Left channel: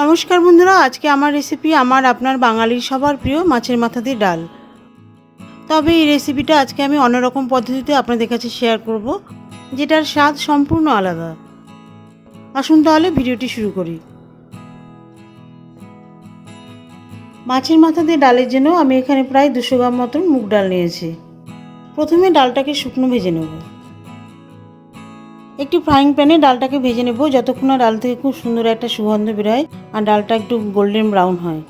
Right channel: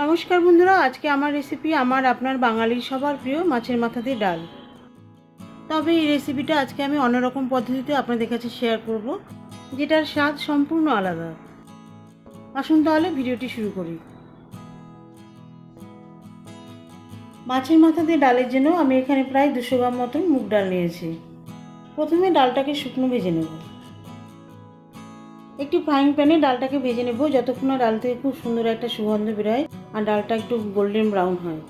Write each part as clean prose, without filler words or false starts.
নমস্কার বন্ধুরা, আজকে আমার রেসিপি আপনার বাঙালির সবার প্রিয় মাছের মাথা দিয়ে ডাল। তবে এই রেসিপিটা আজকে আমি অন্যরকম পদ্ধতিতে আপনাদের কাছে শেয়ার করব, যেটার স্বাদ সম্পূর্ণ আলাদা। আসুন তাহলে ভিডিওটি শুরু করি। মাছের মাথা দিয়ে ডালের জন্য আমি এখানে প্রায় 200 গ্রাম মতন মুগ ডাল নিয়েছি। প্রথমে ডালটাকে শুকনো ভেজে নেব। একটি ফ্রাইং প্যানে ডালটাকে ভেজে নেব যতক্ষণ না ডাল থেকে খুব সুন্দর একটা সুগন্ধ বেরোয় আর ডালটা একটু গোল্ডেন ব্রাউন হয়।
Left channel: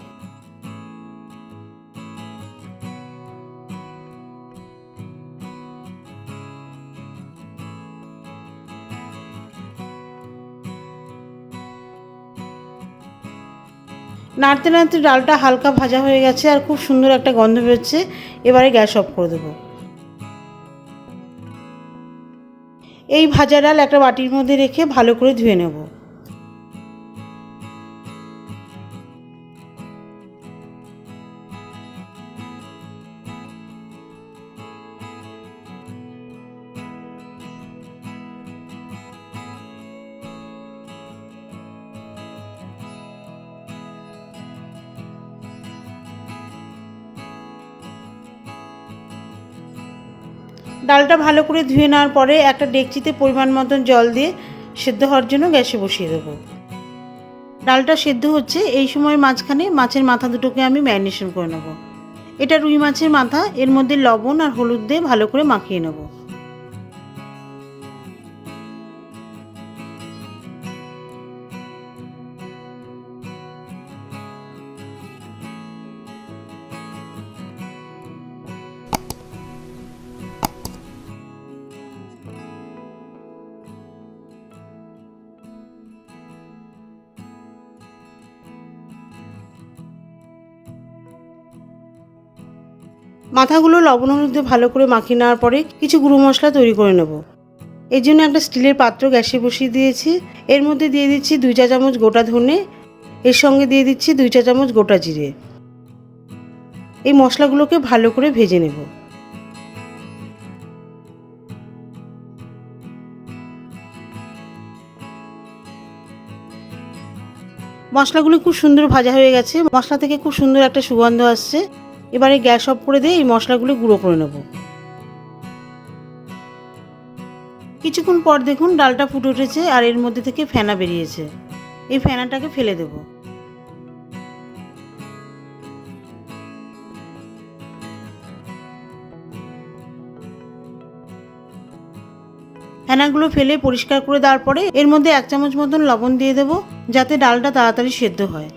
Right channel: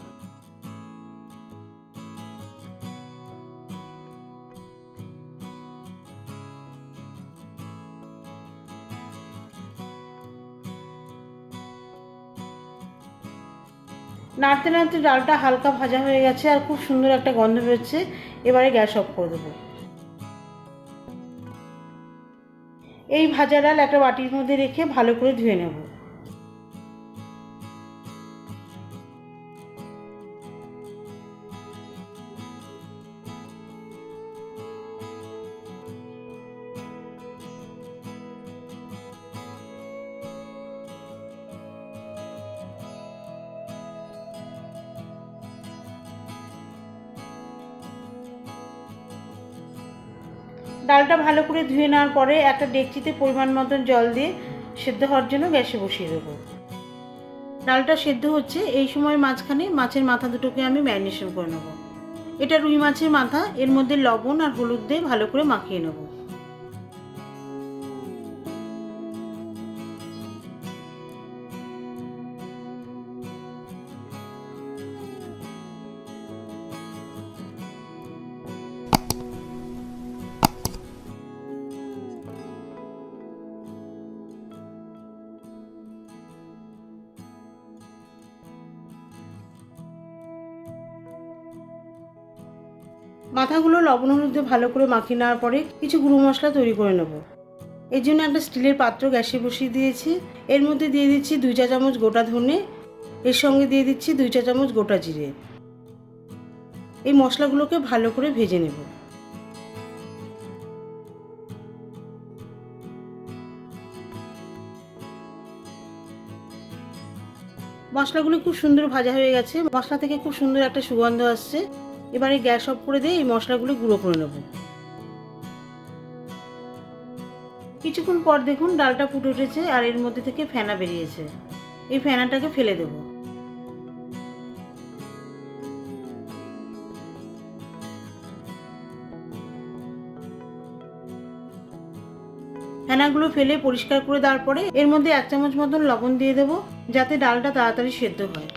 নাড়তে নাড়তে ডালটা হালকা ভাজা হয়ে গেছে আর খুব সুন্দর একটা গন্ধ বেরোচ্ছে। এবারে গ্যাস অফ করে দেবো। এই ভাজা ডাল একটা বাটির মধ্যে রেখে ভালো করে ধুয়ে নেব। ডালটা ভালো করে ধুয়ে নেওয়ার পরে একটা ডেকচিতে পরিমাণ মতন জল দিয়ে সেদ্ধ হওয়ার জন্য গ্যাসে বসিয়ে দেবো। ডালটা সেদ্ধ হচ্ছে, এই সময় মাঝখানে মাছের মাথা দুটোকে আমি ম্যারিনেশন করে নেব। এটা রুই মাছের মাথা, এর মধ্যে লবণ আর হলুদ দিয়ে ভালো করে মাখিয়ে নেব। মাথাগুলো লবণ হলুদ দিয়ে ভালো করে মাখিয়ে নেওয়ার পরে কিছু গুঁড়ো মশলা তৈরি করে নেব। এর জন্য একটা স্টিলের পাত্র গ্যাসে বসিয়ে দিয়েছি। এর মধ্যে দিয়ে দিচ্ছি 2 চা চামচ গোটা ধনে, এর সঙ্গে দিয়ে দিচ্ছি 2 চা চামচ গোটা জিরে। এই মশলাগুলোকে ভালো করে ভেজে নেব। মশলাগুলো খুব সুন্দর ভাজা হয়ে গেছে, মশলা থেকে খুব সুন্দর একটা সুগন্ধ আসছে। এবারে গ্যাস অফ করে দিয়ে এই মশলাগুলো গুঁড়ো করে নেব। কিছুক্ষণ পর দেখুন ডালটা ফুটে উঠেছে আর এর মধ্যে থেকে ফেনা বেরিয়েছে। এই ফেনাটাকে ফেলে দেব। ফেনাগুলো ফেলে পরিষ্কার করে দেওয়ার পরে এর মধ্যে 1 চামচ মতন লবণ দিয়ে দেবো, যাতে ডালটা তাড়াতাড়ি সেদ্ধ হয়।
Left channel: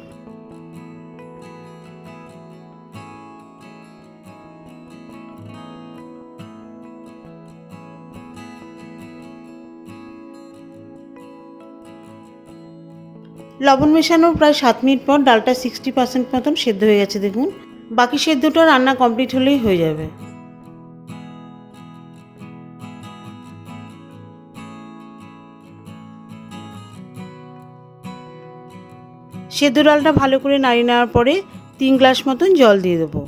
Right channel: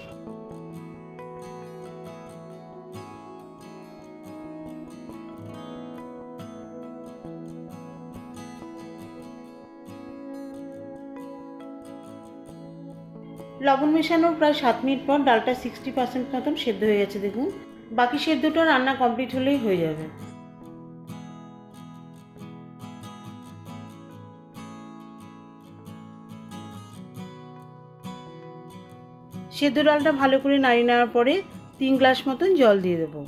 লবণ মেশানোর প্রায় 7 মিনিট পর ডালটা 60% মতন সেদ্ধ হয়ে গেছে দেখুন। বাকি সেদ্ধটা রান্না কমপ্লিট হলেই হয়ে যাবে। সেদ্ধ ডালটা ভালো করে নাড়িয়ে নেওয়ার পরে 3 গ্লাস মতন জল দিয়ে দেবো।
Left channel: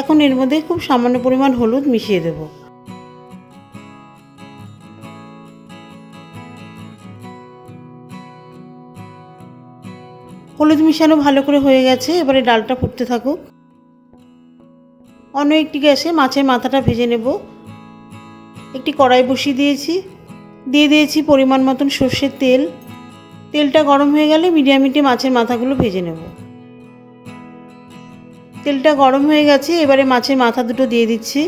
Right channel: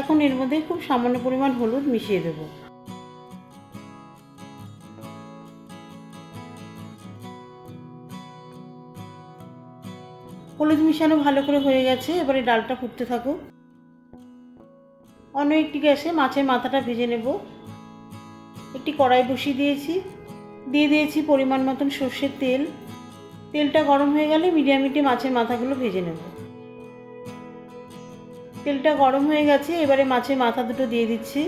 এখন এর মধ্যে খুব সামান্য পরিমাণ হলুদ মিশিয়ে দেব। হলুদ মিশানো ভালো করে হয়ে গেছে, এবারে ডালটা ফুটতে থাকুক। অন্য একটি গ্যাসে মাছের মাথাটা ভেজে নেব। একটি কড়াই বসিয়ে দিয়েছি, দিয়ে দিয়েছি পরিমাণ মতন সর্ষের তেল। তেলটা গরম হয়ে গেলে মিডিয়াম হিটে মাছের মাথাগুলো ভেজে নেব। তেলটা গরম হয়ে গেছে, এবারে মাছের মাথা দুটো দিয়ে দিচ্ছি।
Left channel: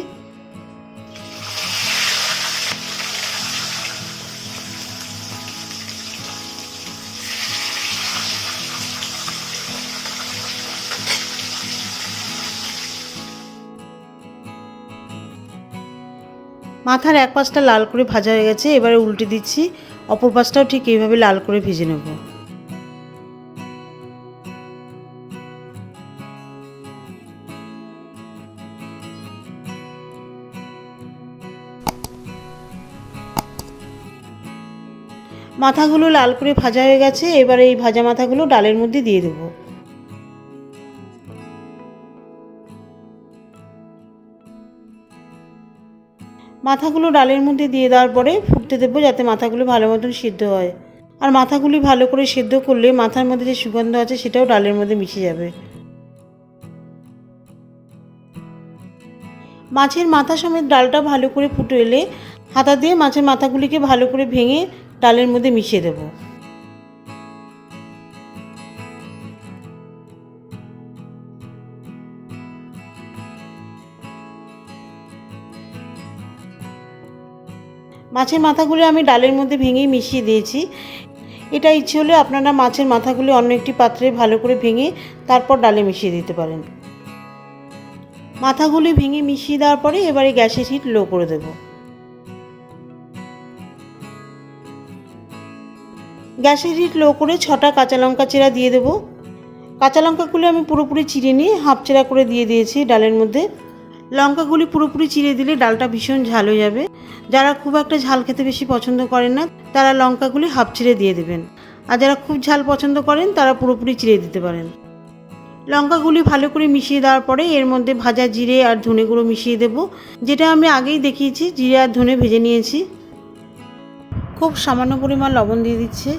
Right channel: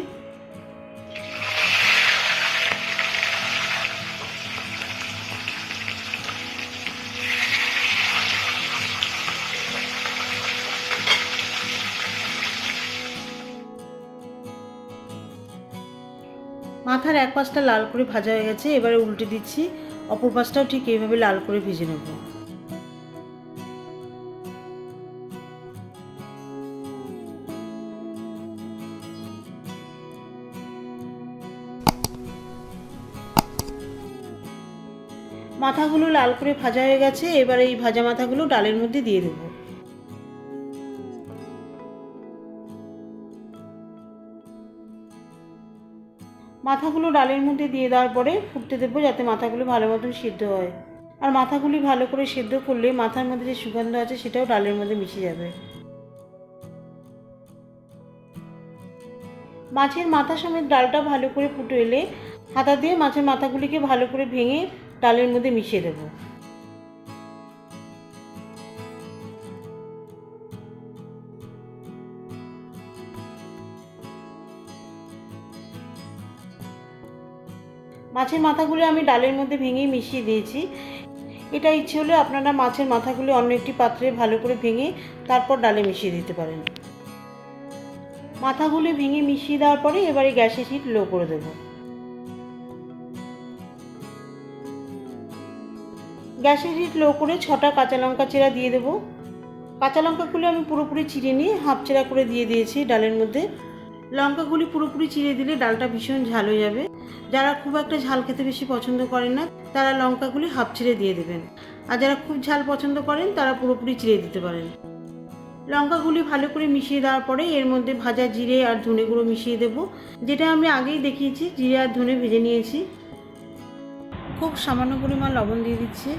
মাথার এক পাশটা লাল করে ভাজা হয়ে গেছে, এবারে উল্টে দিচ্ছি। অপর পাশটাও ঠিক এইভাবে লাল করে ভেজে নেব। মাথাগুলো লাল করে ভাজা হয়ে গেছে, এবারে এই ভাজা মাথাগুলো ডালের মধ্যে দিয়ে দেবো। মাথা মাথাগুলো ডালের মধ্যে দিয়ে দেওয়ার পরে ফুটতে দেবো, যাতে মাথাগুলো ভালো মতন সিদ্ধ হয়। আর মাথাগুলি ভালো করে সিদ্ধ করলে মাথার মধ্যে যে সুগন্ধ আছে সেটাও ডালের মধ্যে মিশে যাবে। মাছের মাথা সমেত ডালটা ভালো করে ফুটে এলে হাতা দিয়ে মাছের মাথাগুলিকে ভালো করে ভেঙে ডালের মধ্যে মিশিয়ে দেব। মাছের মাথাগুলি আমি ডালের মধ্যে ভেঙেই মিশিয়ে দিয়েছি। এটা ইচ্ছে হলে আপনারা মাছের মাথাগুলি অন্য একটি পাত্রে ভালো করে ভেঙে তারপর ডালে মিশিয়ে দিতে পারেন। মাথাগুলি ভেঙে মিশিয়ে দেওয়ার পরে এবারে গ্যাসের হিট লো করে দেব। গ্যাসের হিট লো করে 6টা কাঁচা লঙ্কা চিরা দিয়ে দেব। কাঁচা লঙ্কাগুলি আমি পুরোপুরি চিড়ে নিয়ে হাফ চেরা করে দিয়ে দিয়েছি ডালের মধ্যে। লঙ্কাগুলি পুরোপুরি চিড়ে দিলে ডালটা ভীষণ ঝাল হয়ে যাবে। যারা খুব একটা ঝাল খেতে বেশি পছন্দ করেন না তারা লঙ্কাগুলি হাফ চিড়ে দিয়ে দেবেন, আর যারা খুব ঝাল পছন্দ করেন তারা পুরোপুরি চিড়ে দিতে পারেন। লঙ্কাগুলি ভালো করে মিশিয়ে দেওয়ার পরে এর মধ্যে ভাজা জিরে আর ধনে গুঁড়ো মিশিয়ে দেব, যেটা আমি আগেই দেখিয়েছি। জিরে আর ধনে ভেজে নিয়েছি। খুব সামান্য পরিমাণ লবণ দিয়ে দিচ্ছে,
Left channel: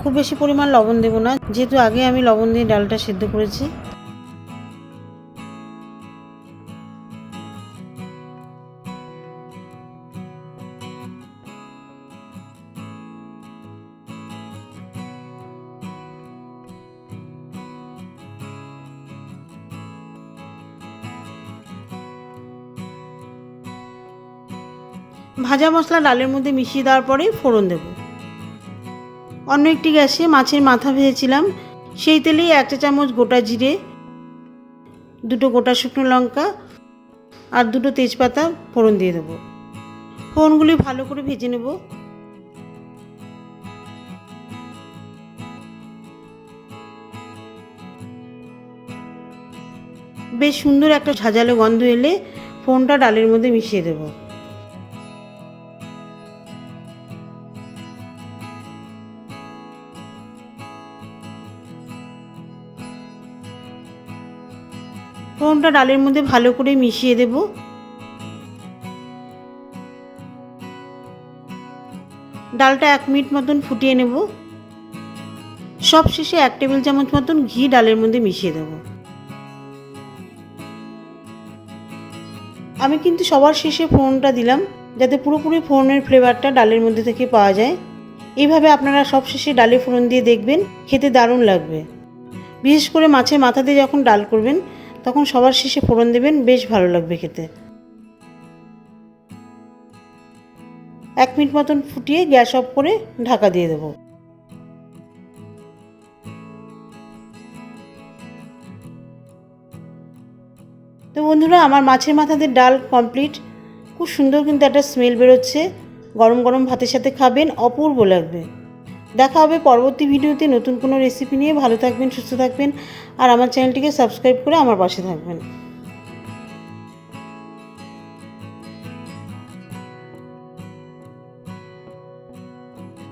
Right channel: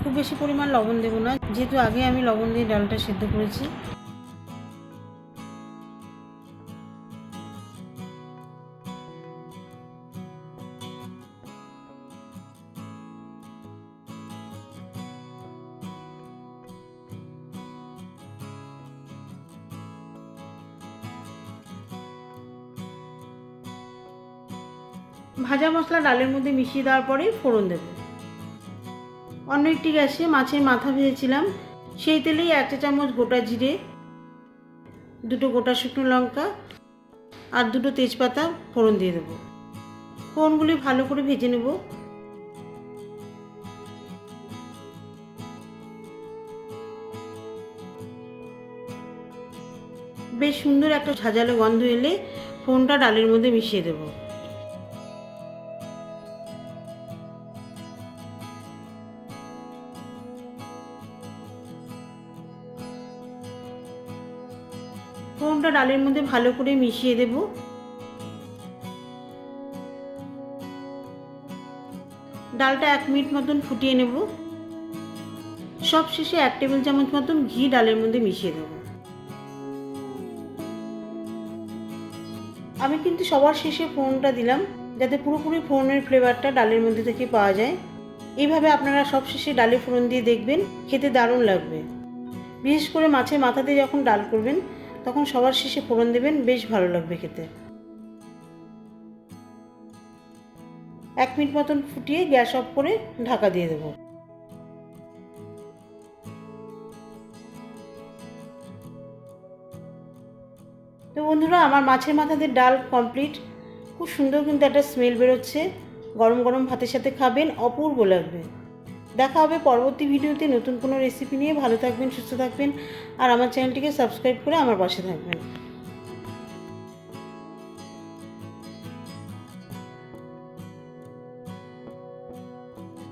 খুব বেশি পরিমাণ লবণ দেবো না, যেহেতু আগে আমি লবণ দিয়ে ডালটা সিদ্ধ করেছি। ভাজা মশলা ডালের মধ্যে মিশিয়ে দেওয়ার পরে ফোড়ন দেব। অন্য একটি গ্যাসে মাছের মাথা ভেজেছিলাম, সেই তেলেই 1 চা চামচ গোটা জিরে, 2টো গোটা শুকনো লঙ্কা আর 2টো তেজপাতা ফোড়ন দিয়ে দেবো। ফোড়নগুলি ভালো করে ভেজে নেব। বেশ সুন্দর একটা ঝাঁঝালো গন্ধ এলে ফোড়নটা ডালের মধ্যে মিশিয়ে দেব। ফোড়নটা ডালের মধ্যে ভালো করে মিশিয়ে দেব। ডালটা 1 মিনিট মতন ফুটিয়ে নেব। সব শেষে 1 টেবিল চামচ মতন ঘি ডালের মধ্যে মিশিয়ে দেব। আমি কিন্তু সবার শেষে ফোড়নটা দিলাম, যাতে পুরোপুরি ফোড়নের ফ্লেভারটা ডালের মধ্যে থেকে পাওয়া যায়। এইভাবে আপনারা সব শেষে ডালে ফোড়ন দিয়ে দেখবেন, খেতে দারুণ লাগবে। বিশেষ করে মাছের মাথা দিয়ে যখন ডাল করবেন তখন সবার শেষে ফোড়ন দেবেন, বেশ ভালো লাগবে খেতে। 1 মিনিট মতন ফুটিয়ে গ্যাস অফ করে ঢাকা দিয়ে দেব। তো বন্ধুরা, আমার মাছের মাথা দিয়ে ডাল কমপ্লিট। খুব সুন্দর কিন্তু একটা স্মেল বেরোচ্ছে। গরম গরম ভাতের সাথে খাবেন, অপূর্ব লাগবে। দেখা হবে পরবর্তী ভিডিওতে নতুন কোনো রেসিপি নিয়ে। ভালো থাকবেন, সুস্থ থাকবেন, আর আমার চ্যানেলটিকে সাবস্ক্রাইব করে আমার পাশে থাকবেন।